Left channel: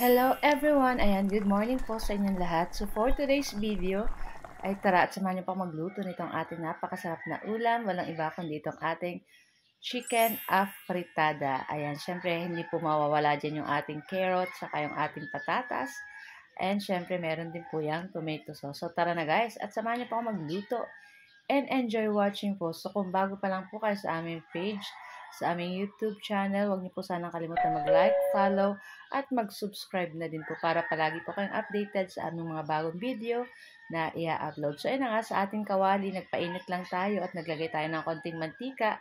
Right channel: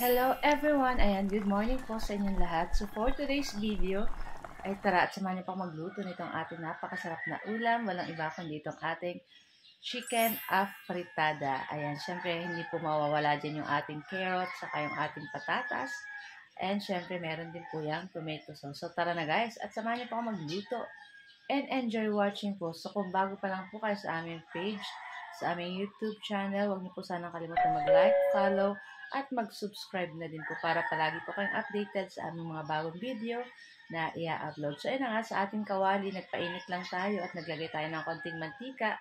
Hello everyone! Ayan, good morning po sa inyong lahat. So for today's video, ay tara at samahan niyo pa magluto nitong ating napakasarap na ulam. Walang iba kundi itong ating chicken afritada. Ayan, syempre hindi po mawawala dyan yung ating carrots, saka yung ating patatas. And syempre meron din po yung tomato sauce. So tara na guys, at samahan niyo pa magluto. And enjoy watching po. So kung bago pa lang po kayo sa aming page, sa aming YouTube channel, huwag niyo po sanang kalimutan mag-like, follow, at mag-subscribe na din po para palagi po kayong updated sa aming mga bagong video na i-upload. So ayun na nga, sa ating kawali, nagpainit lang tayo at naglagay tayo ng konting mantika.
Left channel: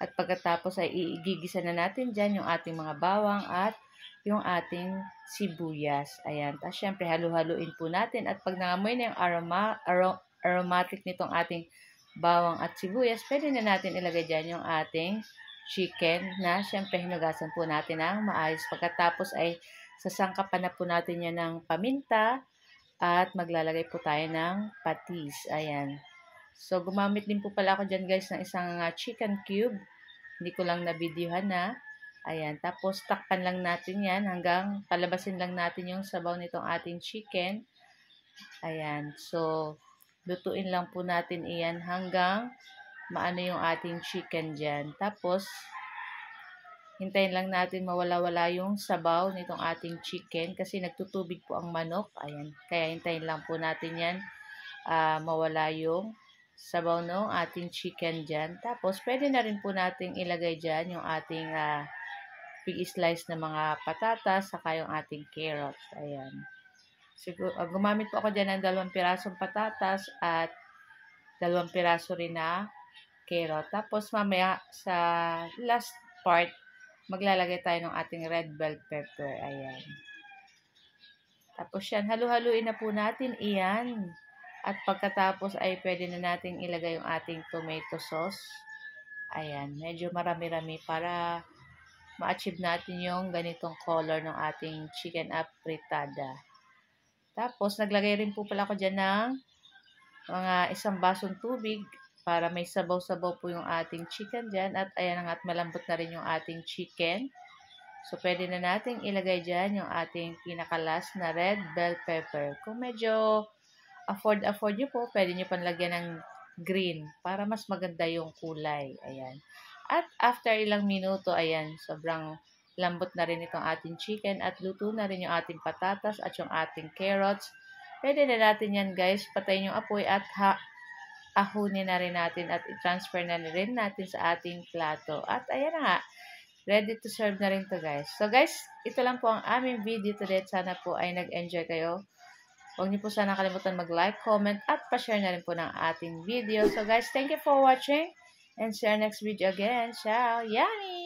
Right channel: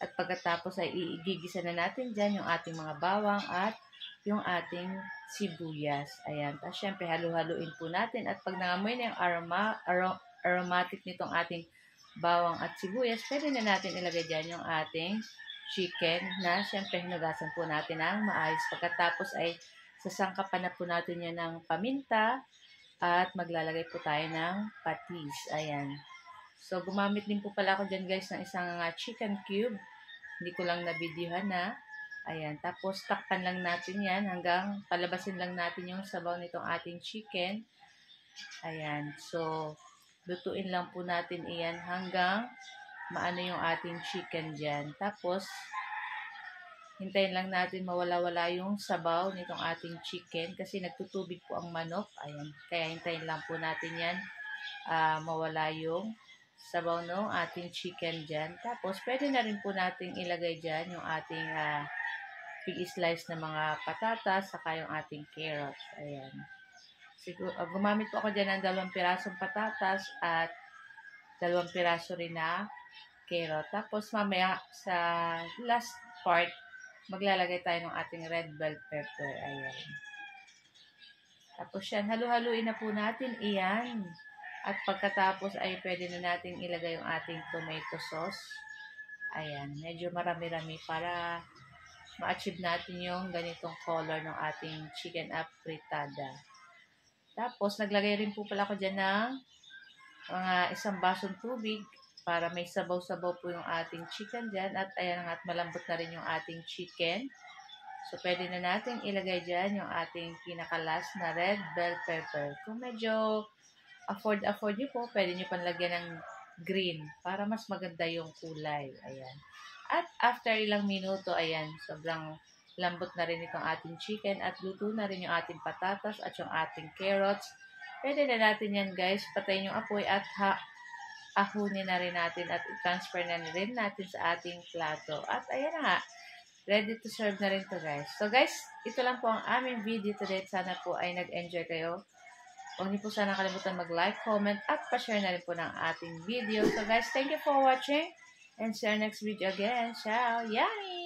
At pagkatapos ay igigisa na natin dyan yung ating mga bawang at yung ating sibuyas. Ayan. Tapos syempre halu-haluin po natin at pag nangamoy na yung aromatic nitong ating bawang at sibuyas, pwede na natin ilagay dyan yung ating chicken na syempre hinugasan po natin ng maayos. Pagkatapos ay sasangkapan na po natin yan ng paminta at maglalagay po tayo ng patis. Ayan. So, gumamit din po pala ako dyan guys ng isang chicken cube. Hindi ko lang nabidyohan na. Ayan. Tapos, takpan lang natin yan hanggang palabasin lang natin yung sabaw nitong ating chicken. Ayan. So, lutuin lang po natin iyan hanggang maano yung ating chicken dyan. Tapos, hintayin lang natin mawala-wala yung sabaw nitong ating chicken kasi nagtutubig po ang manok. Ayan. Kaya hintayin lang po natin yan mawala yung sabaw ng ating chicken dyan. Tapos, pwede na rin po natin ilagay dyan yung ating big slice na mga patatas saka yung ating carrots. Ayan. Siguro, gumamit po ako dyan ng 2 pirasong patatas at 2 piraso rin na carrot. Tapos mamaya sa last part, maglalagay tayo ng ating red bell pepper. Ayan. Tapos yan, halu-haluin na po natin iyan. At pagkatapos ay pwede na natin ilagay yung ating tomato sauce. Ayan, medyo marami-rami para ma-achieve natin yung ganitong color ng ating chicken afritada. Tapos, naglagay rin po pala ako dyan ng mga 1 basong tubig para may sabaw-sabaw po yung ating chicken dyan. At ayan nga, at malambot na rin yung ating chicken. So, pwede na natin ilagay dyan yung ating pinakalas na red bell pepper. Kung medyo afford nyo po, pwede nyo panlagyan ng green para mas maganda yung kulay. Ayan. At after ilang minuto, ayan, sobrang lambot na rin itong ating chicken at luto na rin yung ating patatas at yung ating carrots. Pwede na natin yan guys, patayin yung apoy at ahunin na rin natin at i-transfer na rin natin sa ating plato. At ayan na nga, ready to serve na rin to guys. So guys, ito lang po ang aming video today. Sana po ay nag-enjoy kayo. Huwag niyo po sana kalimutan mag-like, comment, at pa-share na rin po ng ating video. So guys, thank you for watching and see you next video again. Ciao! Yummy!